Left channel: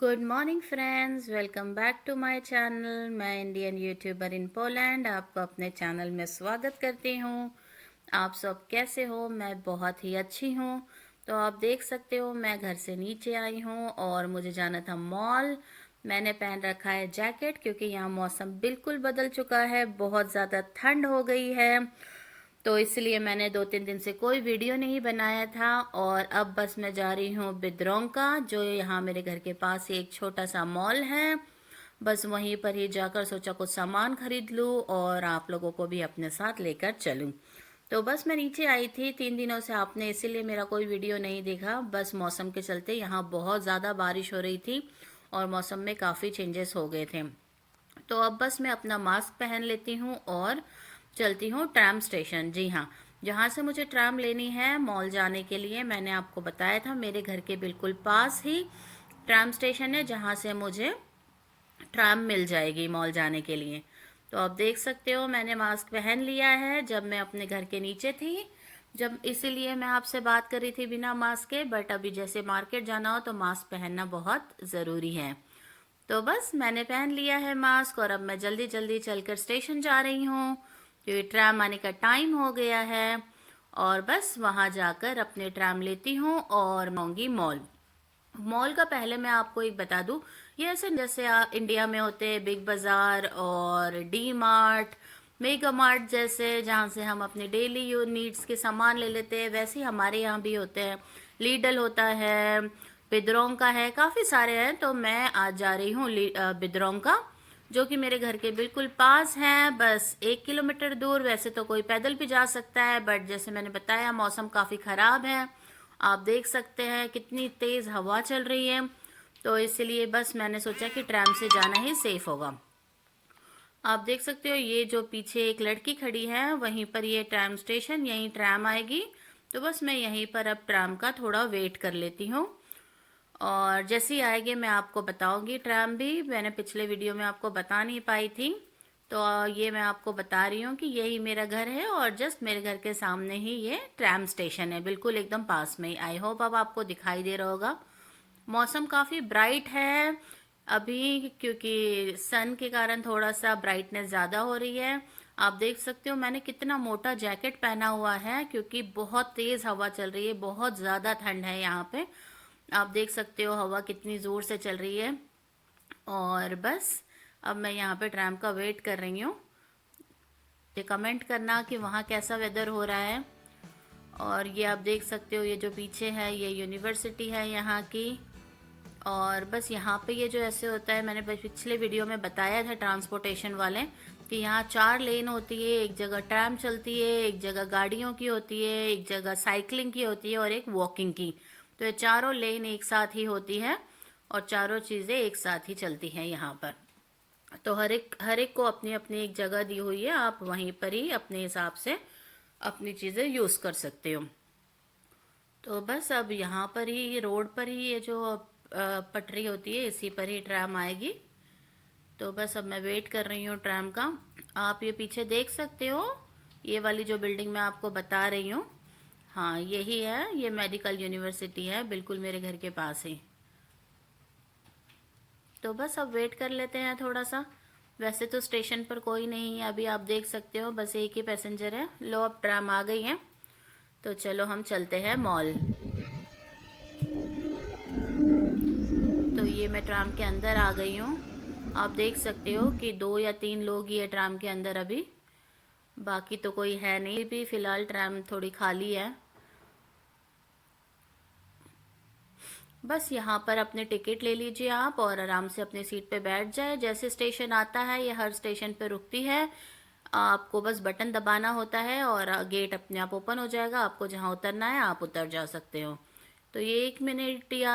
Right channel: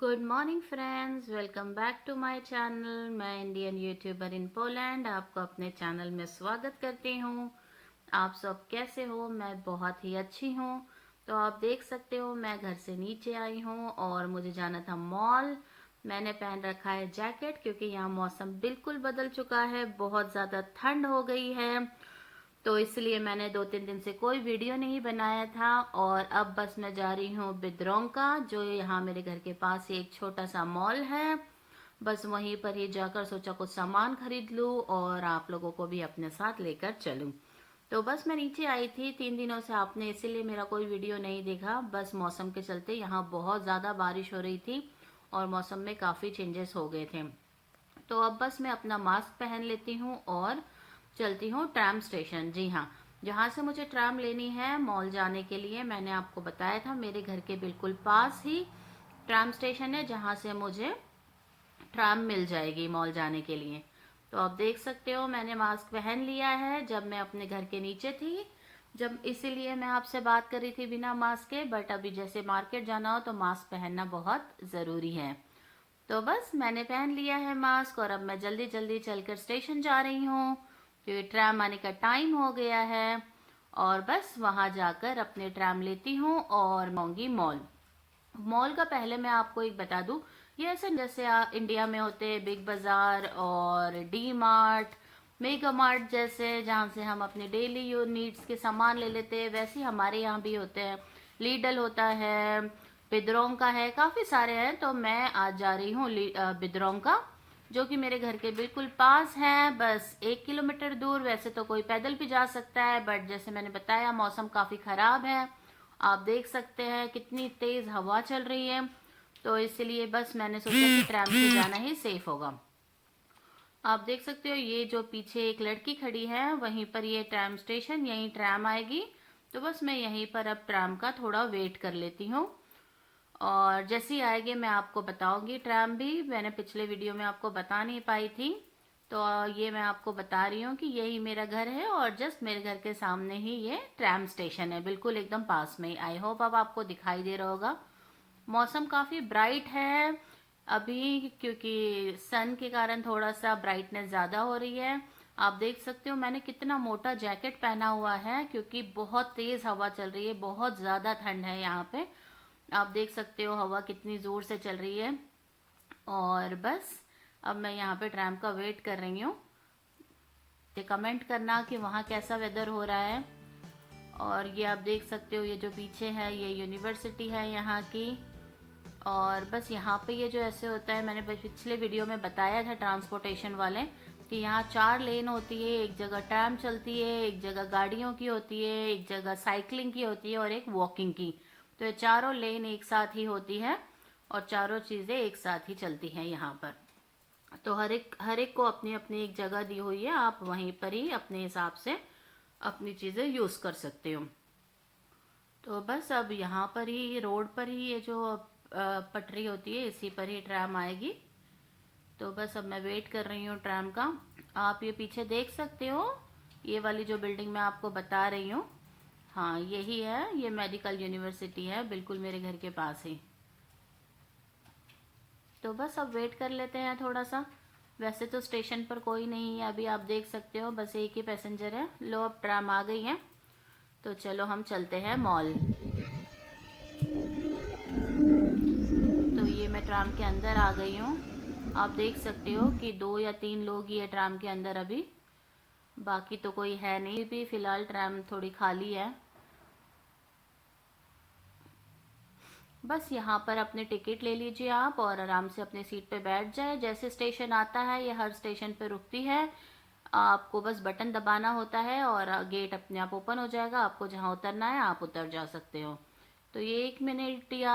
Good morning friends, welcome back to my channel. मैं Indian YouTuber in Poland आपको अपने channel में स्वागत करती हूँ। आप सब कैसे हो? मैं बहुत ही अच्छी हूँ। तो आप देख सकते हो मैं घर से नीचे आई हूँ और मुझे जाना था मॉल। मैंने पहन रखा है जैकेट क्योंकि यहाँ मौसम बिल्कुल बदल चुका है, बहुत ज़्यादा ठंड हो गई है। तो इसलिए मैंने 2-3 दिन से कोई वीडियो नहीं बनाया था और अब बस मैं जा रही हूँ बिद्रोंका, जो यहाँ मेरे घर के पास ही एक छोटा सा मॉल है। बस वहीं पर ही जाकर सोचा कुछ सामान खरीद लूँ और आप लोगों को भी अपने साथ लेकर चलूँ। तो बस मैं नीचे आई थी 3 दिनों से, आपने इसीलिए मेरा कोई वीडियो नहीं देखा। बस मौसम के चलते यहाँ बहुत ज़्यादा बारिश हो रही थी और मौसम में काफ़ी चेंजेस हो गए थे। तो अब बस मैं अपना मास्क पहन लेती हूँ और चलती हूँ ट्रैम स्टेशन। जी हाँ, जहाँ से मुझे ट्रैम लेनी है मॉल जाने के लिए, मैंने आपको बताया था मेरे घर के बिल्कुल पास ही ट्रैम स्टेशन है जहाँ से मुझे ट्रैम मिल जाएगी मॉल जाने के लिए। तो आप देख सकते हो मैंने मास्क पहन लिया है जब मैं अपने घर के नीचे थी, जब इसीलिए मैं आपसे बात कर रही थी बिना मास्क के। बट अभी जैसे मार्केट जाना हो तो मास्क पहनना बहुत ज़रूरी है। तो बस मैंने पहन लिया है मास्क और अब मैं जल्दी जल्दी चलकर स्टेशन जा रही हूँ क्योंकि ट्रैम आने का टाइम हो गया है। और बस वहाँ जाकर अपने ट्रैम लेती हूँ और आऊँगी मॉल। मॉल का पहले मैं आपको एक बता दूं, ये ऐसे जैसे इंडिया में होते हैं बिग बाजार और डी मार्ट, मेगा मार्ट जैसे, जहाँ से हम अपने डेली यूज नीड्स के सामान ले लेते हैं, वैसे ही हमारे यहाँ भी होते हैं। लीडल होता है, बिद्रोंग का है, काफ़ी सारे हैं। तो मैं आज जा रही हूँ बिद्रोंग का, जो कि मेरे घर के बिल्कुल पास है, बस 1 किलोमीटर दूर। वैसे तो कोई पैदल भी जा सकता है बट जैसे मैंने बताया मौसम काफ़ी ख़राब है। आप देख सकते हैं कितनी तेज़ हवा चल रही है, तो इसलिए बस मैंने सोचा कि ट्रैम से जाना ही सेफ होगा। आप देख सकते हो ये जो पीछे एक लड़की खड़ी है वहीं पर ये ट्रैम स्टेशन, यहीं ट्रैम आएगी। तो बस मैं यहीं पर अब ट्रैम का थोड़ा वेट कर लेती हूँ और जैसे ही आएगी मैं आपको बताऊंगी। ट्रैम भी मैंने पिछले वीडियो में आपको बता नहीं पाई थी, तो ये मैं आपको बता रही हूँ कि यही मेरा घर है और जस्ट मेरे घर के सामने ही ये ट्रैम स्टेशन है, बिल्कुल एकदम पास में ही। आई होप अब आपको दिखाई दे रहा होगा। मौसम काफ़ी ब्राइट है अभी क्योंकि सन के कारण थोड़ा सा ब्राइटनेस ज़्यादा हो रही है। आप देख सकते हो मैंने कितना मोटा जैकेट पहना हुआ है क्योंकि बहुत तेज़ हवा चल रही है, बहुत ज़्यादा ठंड है यहाँ पे। आप देख सकते हो हवा कितनी ज़ोर से चल रही है। और बस अब मैं यहाँ पे ट्रैम का वेट कर रही हूँ। ये कमेंट करना कि वहाँ कैसा वेदर हो रहा है। और ये आप देख सकते हो ये जो पीछे है ये यूनिवर्सिटी है यहाँ की। और बस यहाँ पे ये जो ऐसे होता है, मैंने पिछले वीडियो में बताया था ट्रांसपोर्टेशन वाले कि यहाँ 4 लेन होती है, एक जगह ट्रैम चलती है, एक जगह गाड़ियों की होती है, एक जगह साइकिलिंग की होती है और एक वॉकिंग की। तो ये चारों लेन एक साथ ही होती है और चारों चीज़ें एक साथ ही चलती हैं यहाँ पर। तो हर एक को अपनी अपनी एक जगह दी हुई है, आप वहीं पर ही अपने हिसाब से अपनी चीज़ें यूज़ कर सकते हो। तो बस अब यहाँ पर ही रोड पर ही ये जो पटरी होती है इसी पर ही ट्रैम आएगी। तो बस अब मैं वेट कर रही हूँ ट्रैम का। आप ये पीछे देख सकते हो ये वाली जो बिल्डिंग मैं आपको बता रही हूँ, हाँ यही है, ये मेडिकल यूनिवर्सिटी है बिल्कुल मेरे घर के पास ही। तो बस अब वेट कर लेते हैं थोड़ा सा। वैसे तो स्टेशन पर कोई नहीं है अभी, आप देख सकते हो बस एक ही पैसेंजर है। लो अब ट्रैम आ गई है, तो चलो हम चलते हैं मॉल। तो ये मैं ट्राम के अंदर आ गई हूँ। आप देख सकते हो कि 2 या 3 लोग ही है ट्राम के अंदर अभी, बाकी तो कोई है नहीं। भी फिलहाल ट्राम थोड़ी खाली है। बस यहाँ पर अपने टिकट ले लीजिए आप और आराम से अपनी सीट पे बैठ जाए। जैसे स्टेशन आता है ये हर स्टेशन पे रुकती है, आपको बस बटन दबाना होता है और गेट अपने आप ओपन हो जाएगा। आपको जहाँ उतरना है आप उतर जा सकते हो। तो ये 1 मिनट या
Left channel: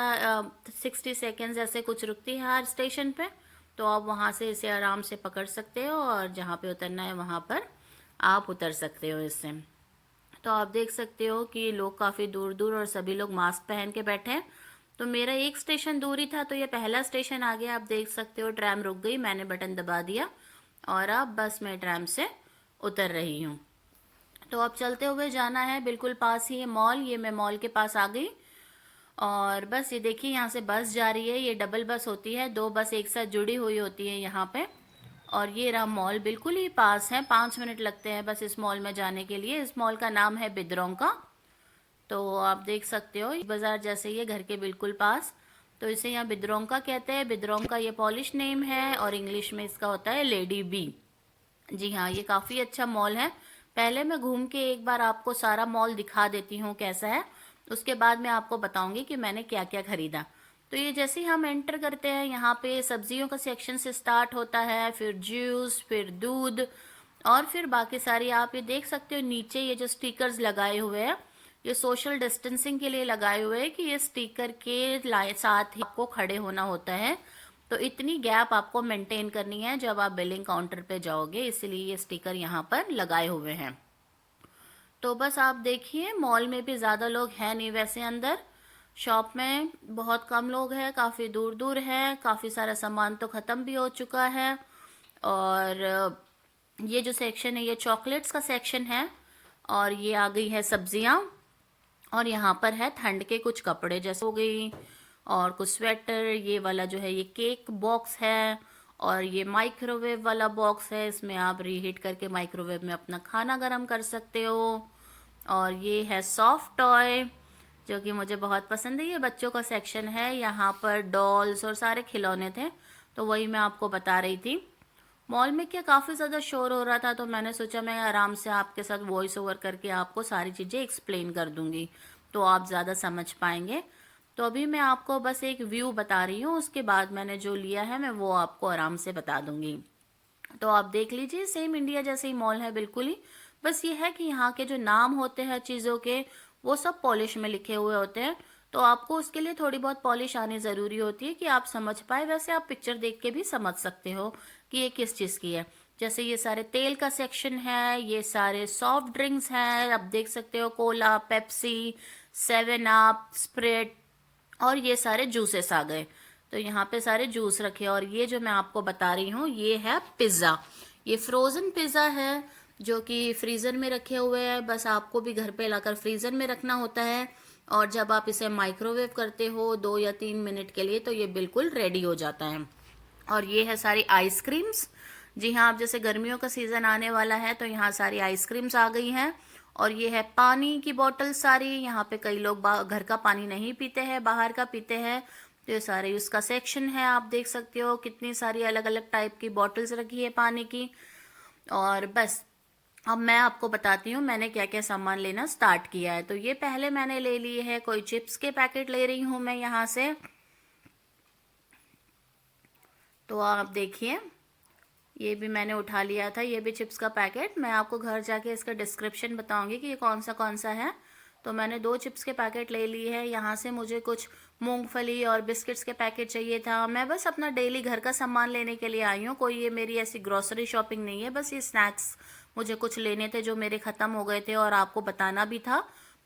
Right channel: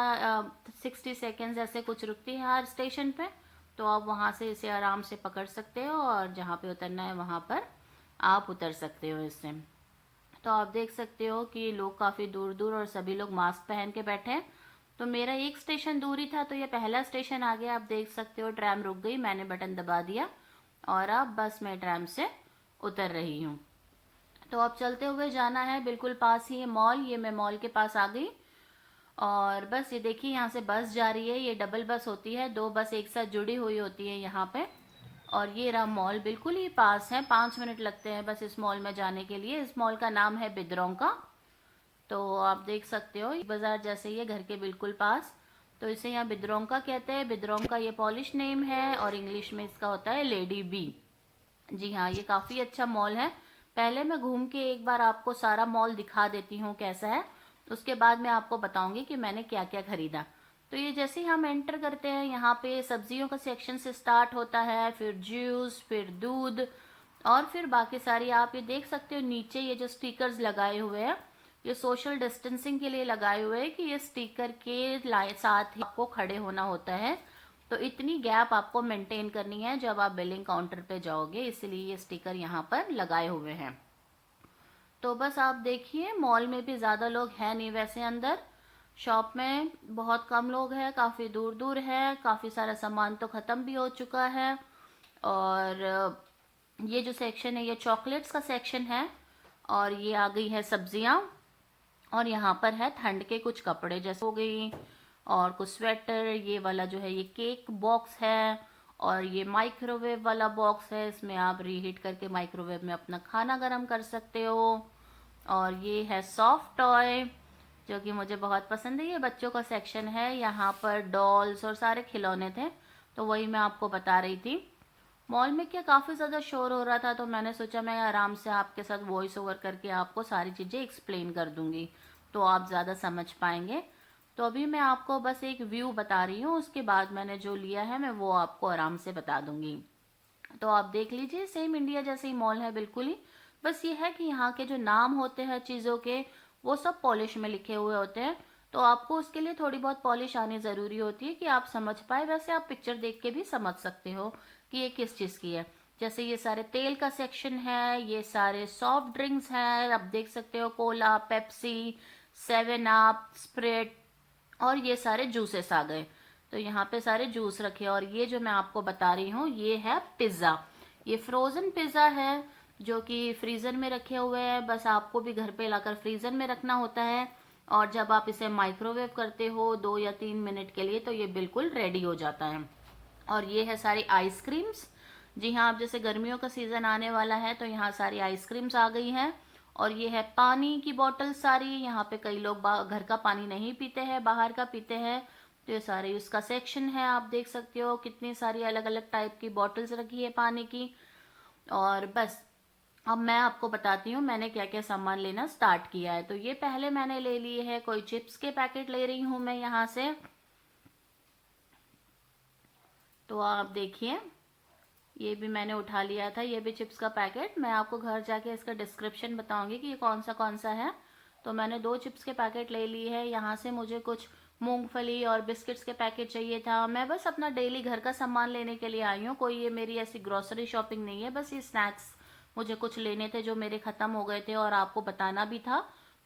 60 सेकेंड्स ऐसे कुछ रुकती है हर स्टेशन पे। तो आप वहाँ से इसे आराम से पकड़ सकते हो और जहाँ पे उतरना है वहाँ पर आप उतर सकते हो इससे। तो आप देख सकते हो कि लोग काफ़ी दूर दूर और सभी लोग मास्क पहन के बैठे हैं। तो मेरा एक स्टेशन दूर ही था, तो ये पहला स्टेशन आ गया। आप देख सकते हो ट्रैम रुक गई, मैंने बटन दबा दिया और अब बस मैं ट्रैम से उतर रही हूँ। तो अब चलते हुए जाना है, बिल्कुल पास ही है मॉल। ये मैं मॉल के पास आ गई और बस ये देखिए यहाँ से बस जा रही है, ये डबल बस होती है, 2 बस एक साथ जुड़ी हुई होती है यहाँ पे। और ये रहा मॉल, बिल्कुल ही पास है, 5 मिनट लगते हैं बस इस मॉल में जाने के लिए। इस मॉल का नाम है बिद्रों का। तो आप देख सकते हो, बाजार जैसे ही है, घर के बिल्कुल पास। तो इसे यहाँ बिद्रों का कहते हैं। बिद्रों का ये पॉलिश नेम है और इंग्लिश में इसका होता है लेडी बी। जी हाँ, ये काफ़ी अच्छा मॉल है। पहले मैं घूम के एक बार आपको सारा मॉल दिखा देती हूँ कैसा है, उसके बाद मैं आपको बताऊंगी कि मैंने क्या क्या खरीदा। तो ये जैसे ही हम एंटर करते हैं, यहाँ पे सब्जियों का सेक्शन से स्टार्ट होता है, फिर जूस, फिर दूध, और फिर बाकी सारी। आप ये देख सकते हो नीचे ये जो स्टिकर्स लगाए हुए हैं, ये सोशल डिस्टेंसिंग के लिए लगाए हुए हैं कि ये स्टिकर के साथ ही आपको खड़े होना होता है। तो इतनी गैप आपको मेंटेन करनी है जब आप बिलिंग काउंटर पे जाओगे, इसलिए ये स्टिकर यहाँ पर लगाए हुए हैं। तो बस आप देखिए, मॉल में भी ज़्यादा लोग हैं नहीं वैसे अंदर। शॉप में बहुत कम लोग हैं, काफ़ी दूर दूर है, काफ़ी सारा सामान तो ख़त्म भी हो चुका है। और ये जो सेक्शन है ये चॉकलेट्स का सेक्शन है। और ये आ गई है सब्जियां। और यहाँ पर है ठंड के कुछ कपड़े जैसे हो गई, और कुछ स्वेटर। ये वाला जो है ये केक बॉक्स है। और ये माइक्रोवेव वाला बॉक्स है, इसमें आप रीहीट करके माइक्रोवेव में अपना खाना गर्म कर सकते हो। और ये है सॉफ्ट टॉय, जो कि मुझे बहुत पसंद है। ये बच्चों का सेक्शन है, यहाँ पर डॉल्स और सारे खिलौने थे, तो वही मैं आपको बता रही थी। मॉल में क्या काफ़ी ज़्यादा शोर हो रहा था, तो मैंने सोचा मैं आराम से आपके साथ वॉइस ओवर करके आपको सारी चीज़ें एक्सप्लेन कर दूंगी, तो आप ज़्यादा समझ पाएंगे। तो अभी मैं आपको बस एक व्यू बता रही हूँ, उसके बाद मैंने जो लिया है मैं वो आपको आराम से बता दूंगी। तो आप देख लीजिए, सेम इंडिया जैसे ही मॉल है बिल्कुल ही। बस ये है कि यहाँ के जो नाम होते हैं चीज़ों के, वो सब पॉलिश में लिखे हुए होते हैं। तो आपको उसके लिए थोड़ी बहुत पॉलिश आनी ज़रूरी होती है कि आप समझ पाए। वैसे आप पिक्चर देख के भी समझ सकते हो कि ये किस चीज़ की है। जैसे ये सारे तेल का सेक्शन है, ये सारे सॉफ्ट ड्रिंक्स हैं, आप देख सकते हो, कोला, पेप्सी, 7 अप, स्प्राइट, और ये सारे जूसेस आ गए। तो यहाँ पे सारे जूस रखे। और ये जो मैं आपको बता रही हूँ ये है पिज़्ज़ा। ये फ्रोज़न पिज़्ज़ा है जो कि फ्रीज़र में रखे हुए हैं। बस आपको भी घर पे लाकर फ्रीज़र में रखना होता है, और जब आप इसे माइक्रोवेव करते हो 2 या 3 मिनट के लिए, तो ये बिल्कुल रेडी हो जाता है। और ये है सारी आइसक्रीम्स। जी हाँ, अब जैसे गर्मियों का सीज़न आने वाला है, तो यहाँ सारी आइसक्रीम्स आ गई हैं। और ये है पानी की बोतल सारी। यहाँ पे कई लोग घर का पानी नहीं पीते हैं, बाहर का पीते हैं। तो ये सारे उसका सेक्शन है, आप देख सकते हो कितनी सारी अलग अलग टाइप की बॉटल्स रखी है पानी की। और बस अब मैं आपको बताती हूँ मैंने क्या क्या सामान लेना स्टार्ट किया है। तो ये पहले मैंने ले लिए है, कोई चिप्स के पैकेट ले रही हूँ मैं यहाँ से। तो आप देखिए, ये भी मैंने उठा लिया था, ये भी चिप्स का पैकेट। मैं आपको घर जाके इसका डिस्क्रिप्शन बताऊंगी कि ये कौन सा है। तो मैंने 2 चिप्स के पैकेट ले लिए हैं। यहाँ से मुझे कुछ मूंगफली और बिस्किट्स के पैकेट चाहिए था। मैं बस अपना डेली घर का सामान लेने के लिए आई हूँ, कोई ये मेरी ऐसी ग्रोसरी शॉपिंग नहीं है। बस ये स्नैक्स मुझे कुछ लेने थे जो मेरे ख़त्म हो गए थे, और आपको बताना भी था।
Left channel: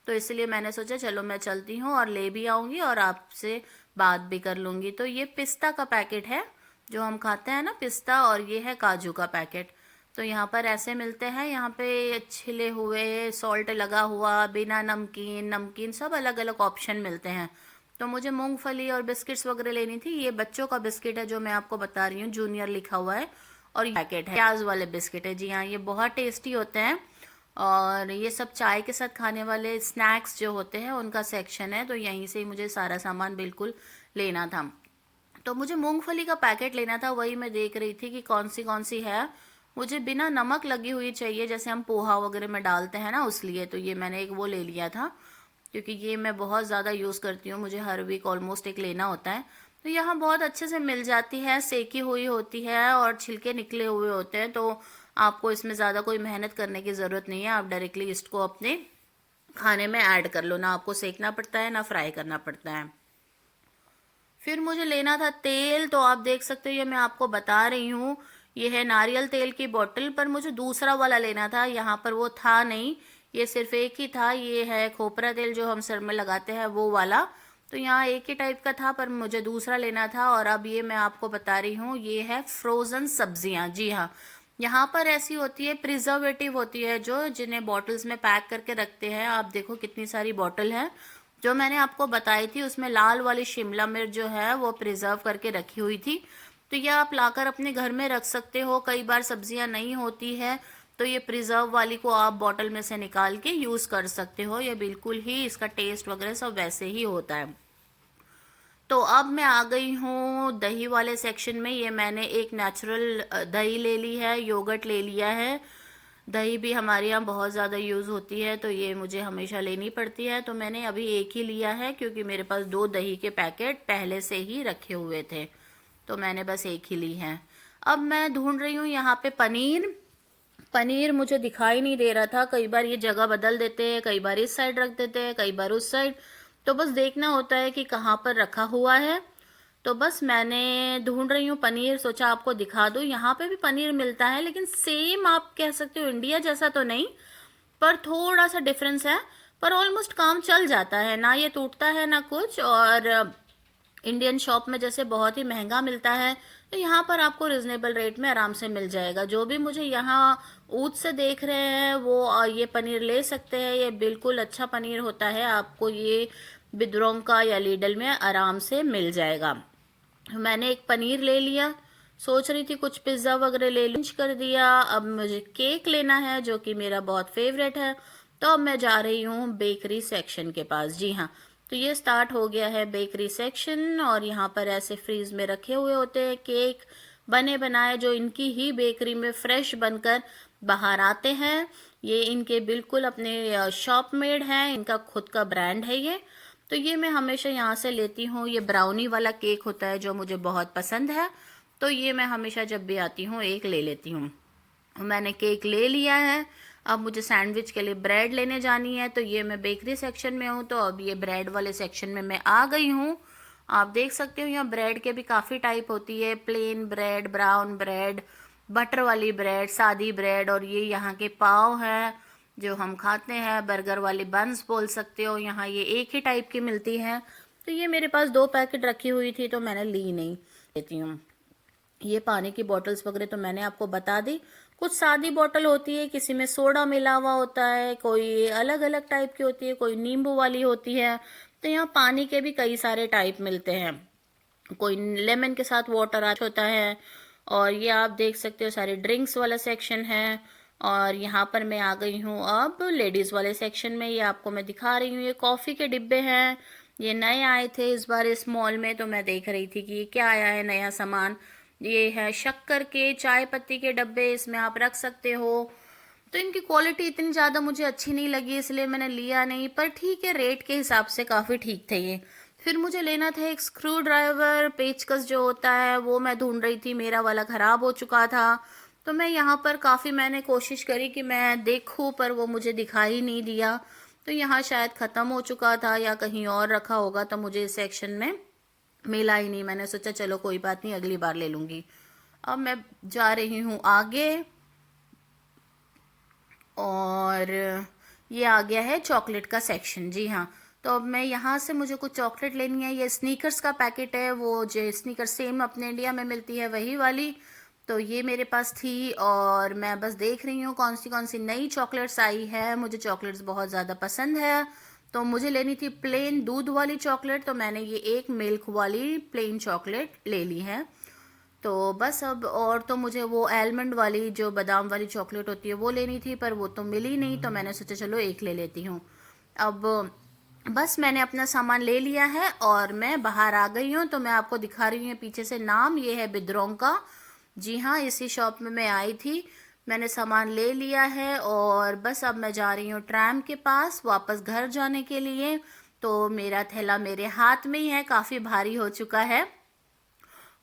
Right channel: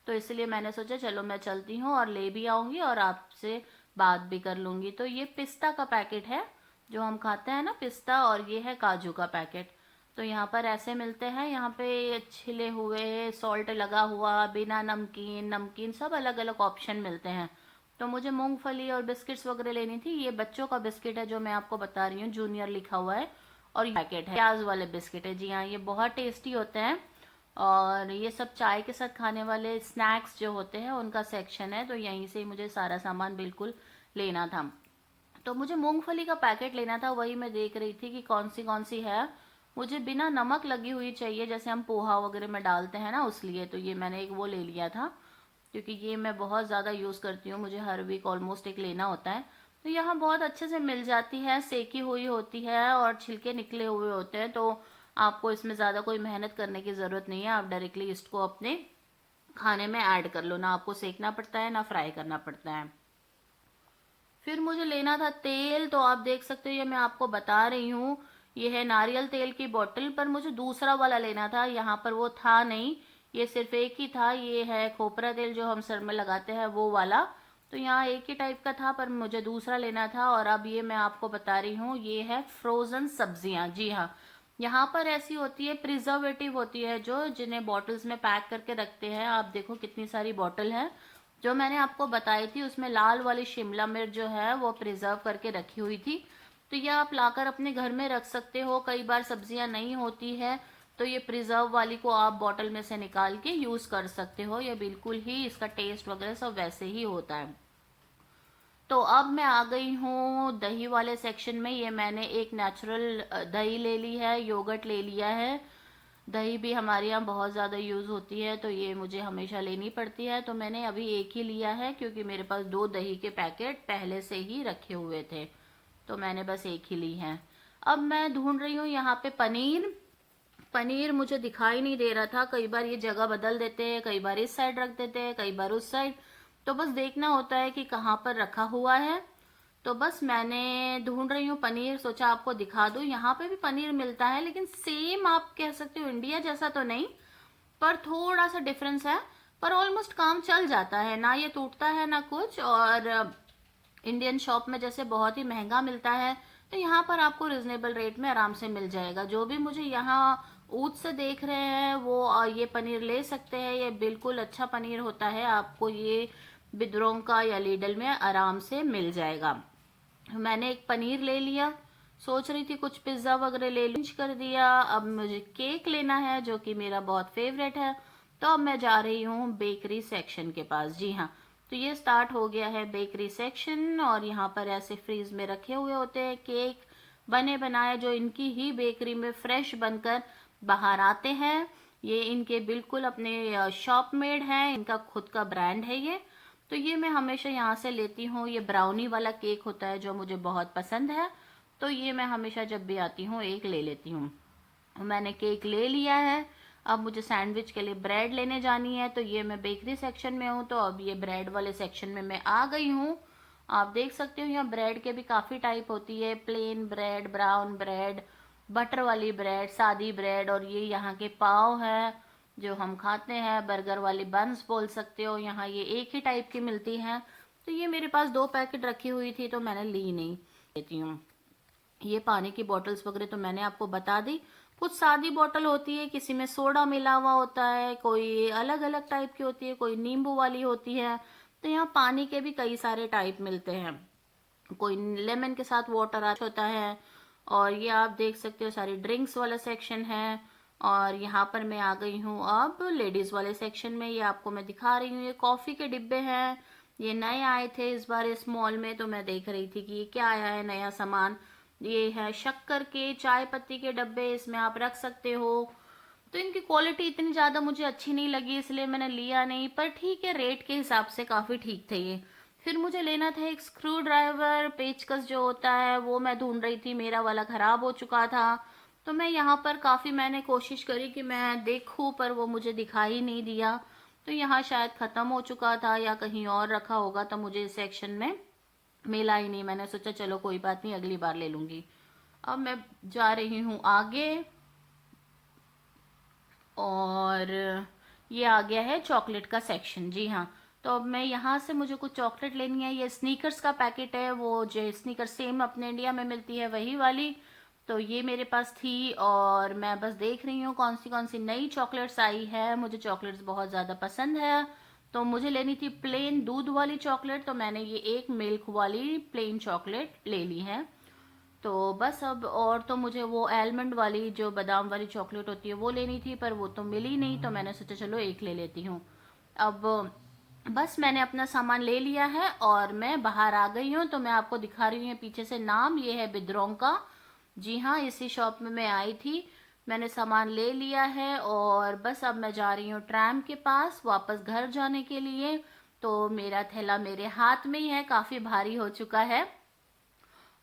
तो इसलिए मैंने सोचा चलो मैं चलती हूँ और ले भी आऊँगी और आपसे बात भी कर लूँगी। तो ये पिस्ता का पैकेट है, जो हम खाते हैं ना पिस्ता, और ये है काजू का पैकेट। तो यहाँ पर ऐसे मिलते हैं, यहाँ पे छिले हुए, सॉल्ट लगा हुआ, बिना नमकीन, नमकीन, सब अलग अलग ऑप्शन मिलते हैं। तो मुझे मूंगफली और बिस्किट्स वगैरह लेनी थी। ये बच्चों का बिस्किट है जो मैं आपको बता रही हूँ, जूनियर लिखा हुआ है। और ये पैकेट है प्याज वाले बिस्किट है। जी हाँ, ये बहुत टेस्टी होते हैं। और ये सब चाय के साथ खाने वाले स्नैक्स जो होते हैं उनका सेक्शन है। तो यहीं से ही मुझे सारा सामान बिल्कुल लेना था। तो मुझे मूंगफली का पैकेट लेना था, वही मैं देख रही थी कि कौन सी है। मुझे बिना नमक लगी हुई चाहिए, जैसे हम पोहा वगैरह में डालते हैं ना, उस लिए। तो ये मैंने एक वो ले लिया था, क्योंकि ये मैं बहुत ज़्यादा यूज़ करती हूँ, मुझे हर वीक ऑलमोस्ट एक लेना होता है। तो यहाँ बहुत अच्छे से मिल जाती है, सेकी हुई होती है और छिलके निकले हुए होते हैं। तो आपको इसमें ज़्यादा कोई मेहनत करने की ज़रूरत नहीं है, आप डायरेक्टली इसको अपने खाने में ऐड कर लो, ना आपको सेकना पड़ता है ना फ्राई करना पड़ता है। फिर मुझे लेना था तेल। तो आप देख सकते हो, ये मैं आपको बता रही हूँ, ये है नारियल तेल की बोतल, पर मुझे दूसरा वाला लेना था, यहाँ पर वो था नहीं, ये सिर्फ एक ही था। ये है खोपरा तेल जो हम सर में लगाते हैं, वो वाला। तो यहाँ एक ही टाइप का था, पर मुझे दूसरा लेना था। और अब ये मैं आपको बता रही हूँ, ये है फ्रोज़न सब्जियाँ। जी हाँ, यहाँ पर ऐसी होती है, प्रिजर्वेटिव होती है, जो जिन्हें बॉटल्स में पैक करके रखते हैं। आप देखो कितनी सारी बॉटल है, जो मैंने आपको बताई थी उसमें लाल वाली शिमला मिर्च जो है वो प्रिजर्व करके रखी हुई थी। तो ये आप लाकर अपने घर में रख सकते हो। कई बार सब्जियां नहीं होती है तो ये प्रिजर्व वाली को आप बॉटल में से निकाल के यूज कर सकते हो। ये बिल्कुल ही इसका टेस्ट वगैरह सब वैसे ही होता है। तो अब मैं आ गई हूँ दही वाले सेक्शन में। ये मैंने एक नेचुरल दही ले ली है, योगर्ट ले लिया है। दही भी हमारे यहाँ बहुत ज़्यादा यूज़ होती है तो ये मुझे हमेशा लेनी पड़ती है। तो मैंने अभी एक ही लिया है क्योंकि मेरे पास 2 दही के पैकेट पहले से ही रखे हुए थे, तो मैंने बस एक ही ली है। अब मैं ढूंढ रही हूँ यहाँ पे पनीर। पनीर मुझे दिखाई नहीं दे रहा था। कई बार ये जगह बदल देते हैं, कई बार इस साइड रख देते हैं, कई बार उस साइड। तो बस देखना होता है कि कहाँ पर रखा हुआ है। तो बस मैंने ढूंढ रही हूँ पनीर, सोचा आपको दिखा दूँ। यहाँ पे भी पनीर मिलता है लेकिन सेम आप कह सकते हो इंडिया जैसा तो नहीं, पर थोड़ा सा डिफरेंस है। पर ऑलमोस्ट काम चल जाता है, ना ये टूटता है ना कुछ। और इंडियन शॉप में जैसे बहुत ही महंगा मिलता है तो यहाँ पर आपको रिजनेबल रेट में आराम से मिल जाएगा। जो भी मुझे यहाँ ऊद से देख रहे हैं वो ये पनीर ले सकते हैं। ये बिल्कुल अच्छा पनीर होता है, आपको ये बिद्रों का या लीडल में आराम से मिल जाएगा। मैंने एक पनीर ले लिया। सोच रही थी कुछ पिज्ज़ा वगैरह ले लूँ, कर दिया। अब मुझे केक लेना है जो कि मेरा बहुत फेवरेट है। तो अब मैं जा रही हूँ बेकरी सेक्शन के पास। जी हाँ, तो ये स्टार्ट हो गया है बेकरी सेक्शन। और यहाँ पर ऐसे फ्रीज में रखे हुए होते हैं केक बने बनाए, जो इनकी ही बेकरी में फ्रेश बनकर बाहर आते हैं। ये इनके बिल्कुल अपने शॉप मेड हैं, इनका खुद का ब्रांड है ये। तो ये मैं हमेशा यहाँ से लेती हूँ। ये ब्राउनी वाला केक होता है जो मुझे बहुत पसंद है, तो ये मैं हमेशा जब भी आती हूँ एक ले लेती हूँ। मैंने केक ले लिया है। अब मुझे सैंडविच के लिए ब्रेड लेने जानी है। तो ये मैं बेकरी सेक्शन में हूँ, तो अब ये ब्रेड वाले सेक्शन में मैं आ गई हूँ। आप देख सकते हो यहाँ ब्रेड के भी काफ़ी टाइप होती है, plain bread, brown bread, butter वाली ब्रेड, सादी ब्रेड। और ये यहाँ के पाव है जो हम खाते हैं, बर्गर वाली बन्स बोल सकते हो। यहाँ ये एक ही टाइप की मिलती हैं। तो ये मेरे पास 2 पैकेट रखी हुई थी तो मैंने ली नहीं, लेती हूँ। ये पानी की बॉटल्स वगैरह तो मैंने आपको बता दी। कुछ सादी बॉटल होती है, किसी में सोडा मिला हुआ होता है, कोई अलग अलग टाइप की होती है, कोई नींबू वाली होती है। तो यहाँ पानी के भी कई सारे टाइप मिलते हैं। कोई लेमन के साथ वाटर होता है। और ये आप देख सकते हो सारे ड्रिंक्स वाला सेक्शन है। और यहाँ पर मैं आ गई हूँ अब लेडीज़ वाले सेक्शन में। ये आपको मैं दिखा रही हूँ, ये कॉफ़ी के डिब्बे हैं। ये नए आए थे इस बार इस मॉल में, तो मैं देख रही थी कि ये क्या आया है नया सामान। ये है शक्कर के चाय पत्ती के डब्बे, इसमें आप रख सकते हो। तो इनकी क्वालिटी इतनी ज़्यादा मुझे अच्छी नहीं लगी इसलिए मैंने लिया नहीं, पर ठीक है, रेट के हिसाब से काफ़ी ठीक थे ये। फिर मुझे लेना था एक स्क्रू ड्राइवर, पेचकस जो होता है वो मैं ढूंढ रही थी, मेरा वाला ख़राब हो चुका था। तो मैं यहाँ पर काफ़ी मैंने कोशिश करी कि मैं देखूँ, पर वो मुझे दिखाई नहीं दिया। तो यहाँ शायद ख़त्म हो चुका था या कहीं और रखा होगा, तो मुझे इस सेक्शन में मिला ही नहीं। मैंने सोचा चलो कोई बात नहीं, अगली बार ले लूँगी। अब मैं जा रही हूँ आगे। और ये आ गया है चॉकलेट का सेक्शन। जी हाँ, तो अब मैं यहाँ से मुझे कुछ चॉकलेट लेनी है। ये स्नीकर्स का पैकेट है, वो जो स्नीकर सेम अपने इंडिया में मिलती है वही वाली। तो ये मेरे पास थी और मैं बस देख रही हूँ कौन सी नई चॉकलेट्स आई है। मुझे चॉकलेट्स बहुत ज़्यादा पसंद है, तो मुझे लेनी थी प्लेन दूध वाली चॉकलेट। तो मैंने ये एक मिल्क वाली प्लेन चॉकलेट ले ली है। तो बस अब और तो मुझे वो आलमंड वाली जो बादाम वाली चॉकलेट होती है वो लेनी थी, पर वो तो मिली नहीं, तो मैंने सोचा चलो एक ले लेती हूँ। अब बस मैंने अपना सामान ले लिया है और मैं बाहर आ गई हूँ। तो मैं आपको दिखा रही हूँ पीछे से नाम, ये है बिद्रों का। जी हाँ, इसी शॉप में मैं आई थी। मैंने सामान ले लिया है और बस अब मैं जा रही हूँ ट्रैम के पास वापस घर जाने के लिए। तो मेरा थैला मेरे हाथ में ही है, काफ़ी भारी हो चुका है।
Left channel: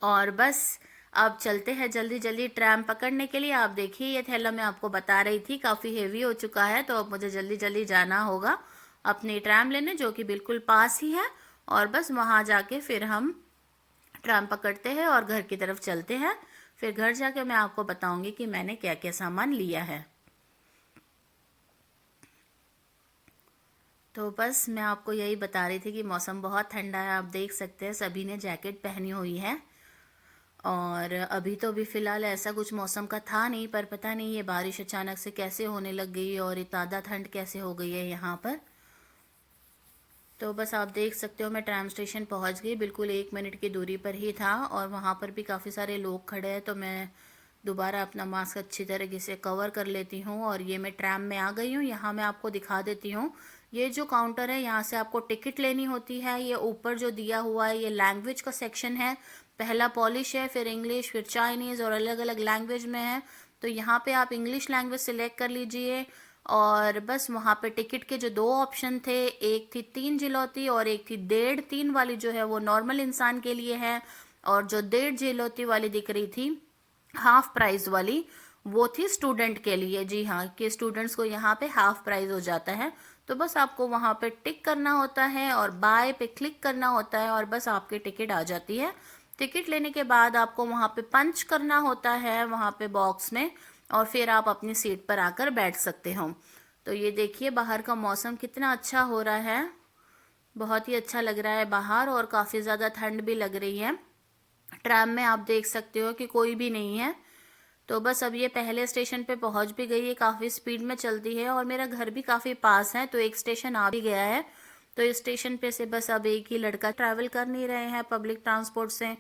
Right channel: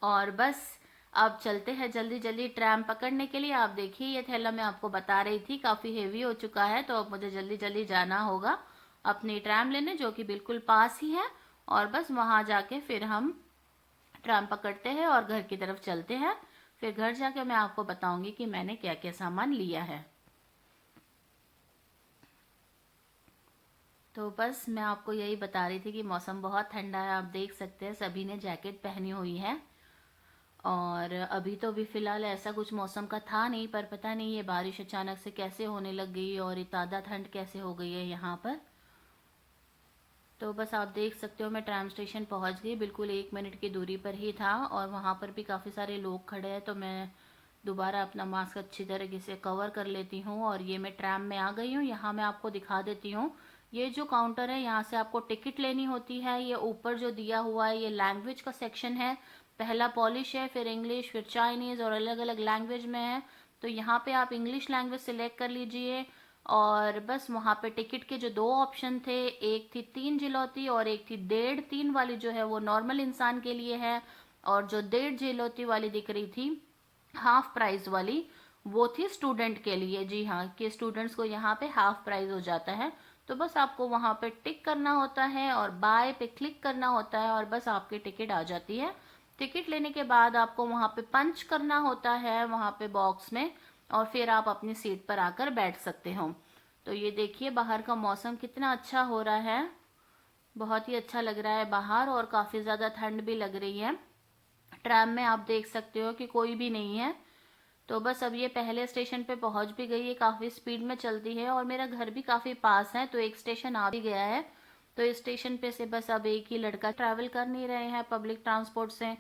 और बस अब चलते हैं जल्दी जल्दी ट्रैम पकड़ने के लिए। आप देखिए ये थैला मैं आपको बता रही थी काफ़ी हेवी हो चुका है, तो अब मुझे जल्दी जल्दी जाना होगा अपनी ट्रैम लेने, जो कि बिल्कुल पास ही है। और बस वहाँ जाके फिर हम ट्रैम पकड़ते हैं और घर की तरफ चलते हैं। फिर घर जाके मैं आपको बताऊंगी कि मैंने क्या क्या सामान लिया है। तो बस मैं आपको यही बता रही थी कि मौसम बहुत ठंडा है, आप देख सकते हैं सभी ने जैकेट पहनी हुई है। और अभी तो अभी फ़िलहाल ऐसा कुछ मौसम का था नहीं, पर पता नहीं ये बारिश अचानक से कैसे होने लग गई और इतना ठंड कैसे हो गई है यहाँ पर। तो बस आप देख सकते हो मैं ट्राम स्टेशन पहुंच गई, बिल्कुल 1 मिनट की दूरी पर ही था और वहाँ पर भी काफ़ी सारे लोग खड़े हैं। तो मैं दोबारा अपना मास्क अच्छी तरीके से कवर कर लेती हूँ और ये मैं ट्राम में आ गई हूँ। यहाँ मैं आपको दिखा देती हूँ, ये जो काउंटर है यहाँ से आपको टिकट लेनी होती है। ये ऊपर जो दिया हुआ है ये लैंग्वेज का सेक्शन है, पहला पॉलिश है, फिर इंग्लिश, फिर चाइनीज़ और अलग अलग लैंग्वेज में है। तो यहाँ पे आप इंग्लिश लैंग्वेज सिलेक्ट कर लीजिए और बस वहाँ पे टिकट के जो दो ऑप्शन थे, एक थी 3 जिलौती और एक थी 1.5। 3 वाली जो है वो नॉर्मल इंसान के लिए है और जो 1.5 जिलौती वाली दिख रही थी हाफ प्राइस वाली, वो थी स्टूडेंट के लिए। जी हाँ, कि स्टूडेंट्स को यहाँ पे हाफ प्राइस हो जाता है। तो बस आपको वहाँ पे टिक करना होता है और बाय पे क्लिक करना होता है और बस आपकी टिकट आ जाती है। टिकट लेने के बाद आपको वहाँ पे पंच करना होता है वहाँ पे बॉक्स में और फिर आप अपनी सीट पर आकर बैठ सकते हो। तो ये देखिए बाहर का मौसम कितना अच्छा हो रहा है, बहुत ही अच्छा लग रहा है बाहर और काफ़ी ज़्यादा ठंड भी लग रही है। ट्राम में आप देख सकते हो कि कोई भी नहीं है। तो बस अब ये पहले स्टेशन पे पहुंच भी गई है, काफ़ी स्पीड में चलती है और मेरा घर भी काफ़ी पास है, तो एक स्टेशन आ भी गया है। तो इस स्टेशन पे से बस अब एक ही लड़का ट्रैवल कर नहीं रहे हैं पब्लिक ट्रांसपोर्ट से।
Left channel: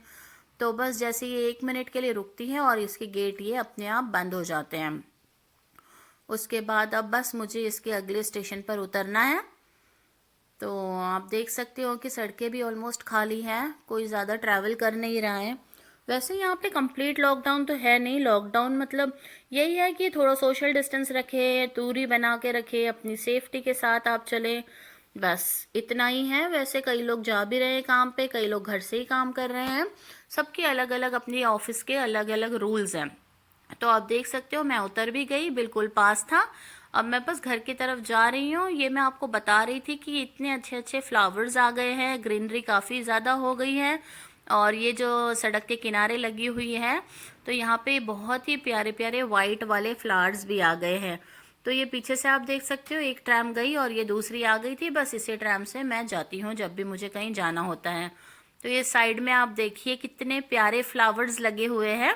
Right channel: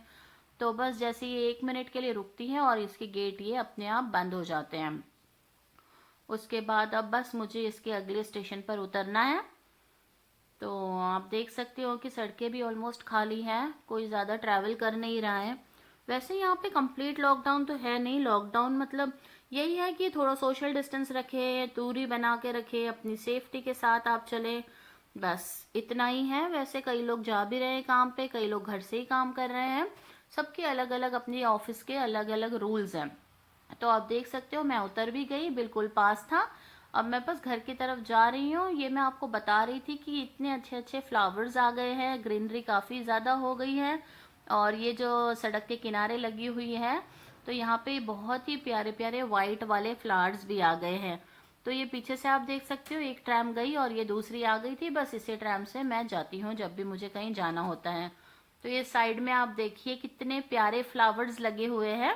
तो बस जैसे ये 1 मिनट के लिए रुकती है और इसके गेट ये अपने आप बंद हो जाते हैं। उसके बाद अब बस मुझे इसके अगले स्टेशन पर उतरना है। तो आप देख सकते हो कि सड़कें भी ऑलमोस्ट खाली हैं, कोई ज़्यादा ट्रैवल कर नहीं रहा है। वैसे यहाँ पे कंप्लीट लॉकडाउन तो है नहीं, लॉकडाउन मतलब यही है कि थोड़ा सोशल डिस्टेंस रखे, दूरी बना के रखे, अपनी सेफ्टी के साथ आप चलें, बस इतना ही है। वैसे कई लोग जा भी रहे हैं काम पे, कई लोग घर से ही काम कर रहे हैं, सबके अलग अलग अपनी ऑफिस के अलग अलग रूल्स हैं। तो आप देख सकते हो मैं उतर भी गई, बिल्कुल पास था। अब मैं बस घर की तरफ जा रही हूँ। ये मैं आपको बता रही थी कि इतने अच्छे अच्छे फ्लावर्स आ गए हैं, ग्रीनरी काफ़ी ज़्यादा हो गई है और ये जो सड़क के किनारे लगी हुई है तो यहाँ पे बहुत ही प्यारे प्यारे वाइट वाले फ्लावर्स भी आ गए हैं। तो ये पीछे से आप देख सकते हो एक ट्रैम गई और ये दूसरी आ गई थी, बस इसी ट्रैम से मैं जाती हूँ जब भी मुझे कहीं जाना होता है। तो ये साइड में आप देखिए कितने प्यारे फ्लावर्स लगे हुए हैं।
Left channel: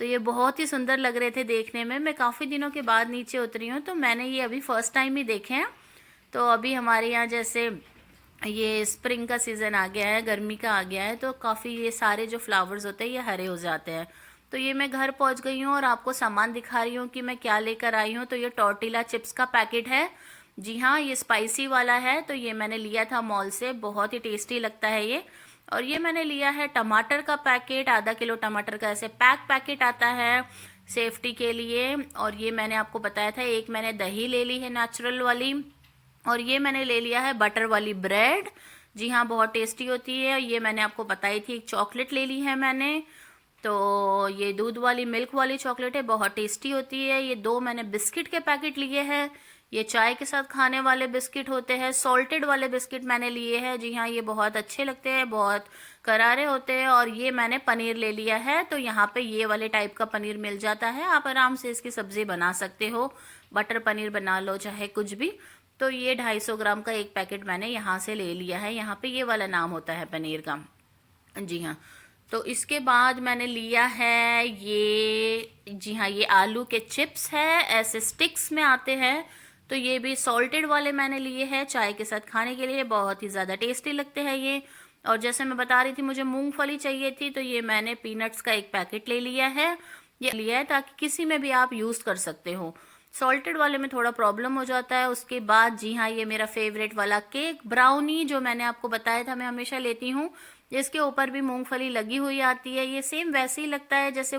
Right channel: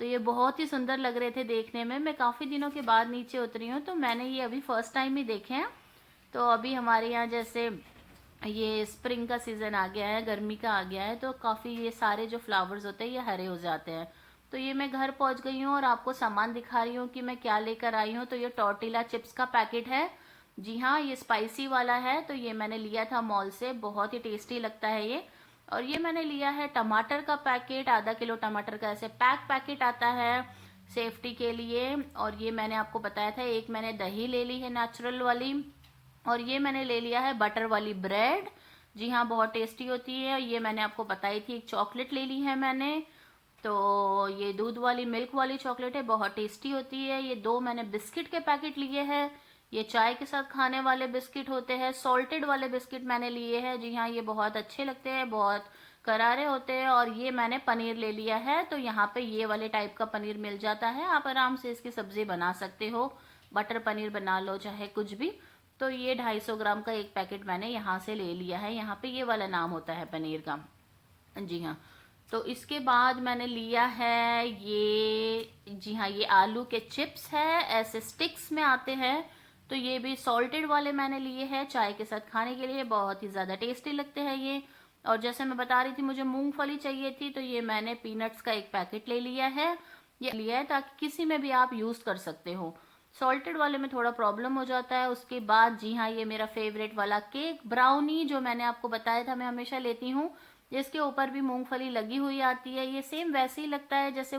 तो ये बहुत ही सुंदर लग रहे थे देखने में। मैं काफ़ी दिनों के बाद नीचे उतरी हूँ तो मैंने ये अभी फर्स्ट टाइम ही देखे हैं। तो अभी हमारे यहाँ जैसे ये स्प्रिंग का सीज़न आ गया है, गर्मी का आ गया है, तो काफ़ी ये सारे जो फ्लावर्स होते हैं ये हरे हो जाते हैं। तो ये मैं घर पहुँच गई हूँ और आपको सामान दिखा रही हूँ कि मैं क्या लेकर आई हूँ। तो ये टॉर्टिला चिप्स का पैकेट है। जी हाँ, ये स्पाइसी वाला है। तो ये मैंने लिया था मॉल से, बहुत ही टेस्टी लगता है ये। और ये मैंने लिया है टमाटर का पैकेट, आधा किलो टमाटर का ऐसे पैकेट आता है सेफ्टी के लिए। और ये मैंने आपको बताया था, एक मैंने दही ले ली है नेचुरल वाली और ये मैंने ले लिया है बटर वाली ब्रेड। जी हाँ, बहुत टेस्टी होती है। ये मैंने आपको बताई थी, एक चॉकलेट ले ली है मैंने। तो ये दूध वाली मिल्क वाली चॉकलेट है, बहुत टेस्टी होती है। ये दो मैंने बिस्किट के पैकेट लिए हैं, ये चाय के साथ खाने वाले बिस्किट होते हैं। सॉल्टेड वाले बिस्किट मैंने लिए हैं, जी हाँ ये बहुत अच्छे लगते हैं, बहुत करारे होते हैं। और ये मैंने पनीर ले लिया है, तो यहाँ पे ये वाले टाइप का पनीर मिल जाता है, आप आराम से इसकी सब्जी बना सकते हो, बटर पनीर बना लो चाहे कुछ भी। तो ये 250 ग्राम का एक पैकेट मैंने यहाँ से ले लिया है, यहाँ पे ये वाला नाम होता है पनीर का। जी हाँ, तो इसके बाद मैंने लिया है ये, जी हाँ ये आलू के चिप्स है, ऐसे स्टिक्स में आते हैं। तो ये भी सॉल्टेड वाले मैंने लिए हैं, चाय के साथ खाने के लिए बहुत ही ज़्यादा टेस्टी लगते हैं ये। और जैसे मैं बता रही थी मुझे मूंगफली चाहिए थी, तो ये मैंने पीनट्स का एक पैकेट ले लिया है। ये लिया है ताकि किसी में भी आप यूज़ कर सकते हो, सॉल्टेड वाले में थोड़ा प्रॉब्लम हो जाता है। उसके बाद जी हाँ ये मेरा फेवरेट वाला केक ब्राउनी जो मैंने आपको बताया था मैं हमेशा लेती हूँ, जिसके ऊपर भी मूंगफली लगी हुई आती है। ये सेम वैसे ही लगता है जैसे